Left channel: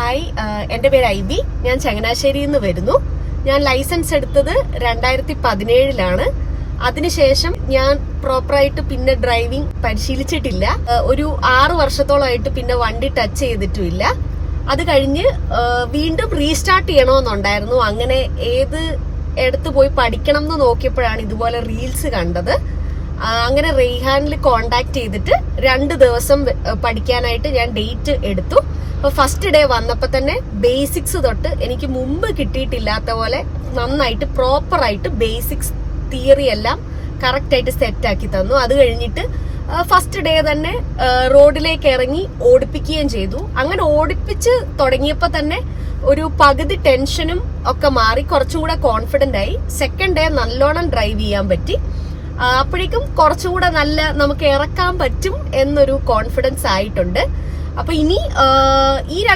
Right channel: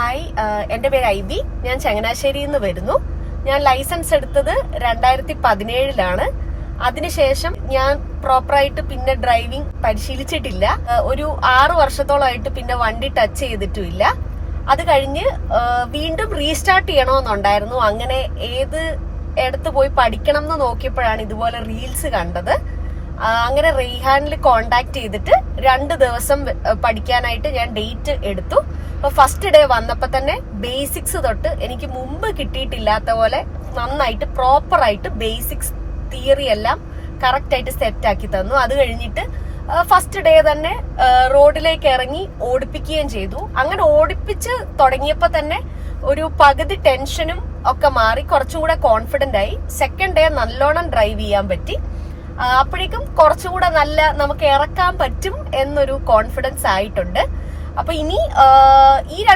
Hi, എൻ്റെ പേര് IB. ഞാൻ ചങ്ങനാശ്ശേരിയിൽ നിന്ന് വരുന്നു. ഞാൻ ലൈസൻസ് എടുത്തത് 2017 അതിനുശേഷം ഞാൻ പ്രോപ്പറായിട്ട് പിന്നെ ഡ്രൈവിംഗ് പരിശീലിച്ചിട്ടില്ല. ഒരു 6 വർഷത്തോളമായിട്ട് പിന്നെ വണ്ടി ടച്ച് ചെയ്തിട്ടുമില്ല. അത് കഴിഞ്ഞ് വീണ്ടും റീസ്റ്റാർട്ട് ചെയ്യണമെന്നുണ്ടായിരുന്നു. അങ്ങനെ ഏത് എടുത്ത് പോയി പഠിക്കണം എന്ന് നോക്കിയപ്പോഴാണ് ഇതുപോലെ റീൽസ് കണ്ടത്. അങ്ങനെ റെയ്ഹാനിൽ കോണ്ടാക്ട് ചെയ്തിട്ട് 2 ദിവസം പഠിക്കാനായിട്ട് ഞാൻ ഡേറ്റ് എടുത്തു. അപ്പൊ ഫസ്റ്റ് ഡേ വന്നപ്പോ തന്നെ ബേസിക്സ് തൊട്ട് എനിക്ക് മുമ്പ് കിട്ടിയിട്ടില്ലാത്ത പോലെ നന്നായിട്ട് പ്രോപ്പറായിട്ട് ബേസിക്സ് തിയറി എല്ലാം കറക്റ്റ് ആയിട്ട് സെറ്റ് ആക്കി തന്നു. അത് കഴിഞ്ഞിട്ട് ഫസ്റ്റ് ഡേ തന്നെ റോഡിലേക്ക് ഇറങ്ങി ഓടിപ്പിക്കുകയും ചെയ്തു. അങ്ങനെ ഓടിപ്പിച്ച് തുടങ്ങിയപ്പോ തന്നെ ഒരു പകുതി ടെൻഷനും ഒക്കെ മാറി കുറച്ചും കൂടെ കോൺഫിഡന്റ് ആയി. സെക്കൻഡ് ഡേ നല്ലോണം ഡ്രൈവ് ചെയ്യാൻ പറ്റി. അപ്പോഴേക്കും കുറച്ചുകൂടെ നല്ല നമുക്ക് ഇറക്കാൻ പറ്റും എന്നൊരു കോൺഫിഡൻസ് ആയിട്ടുണ്ട്. അപ്പൊ ഇനി ഈ 2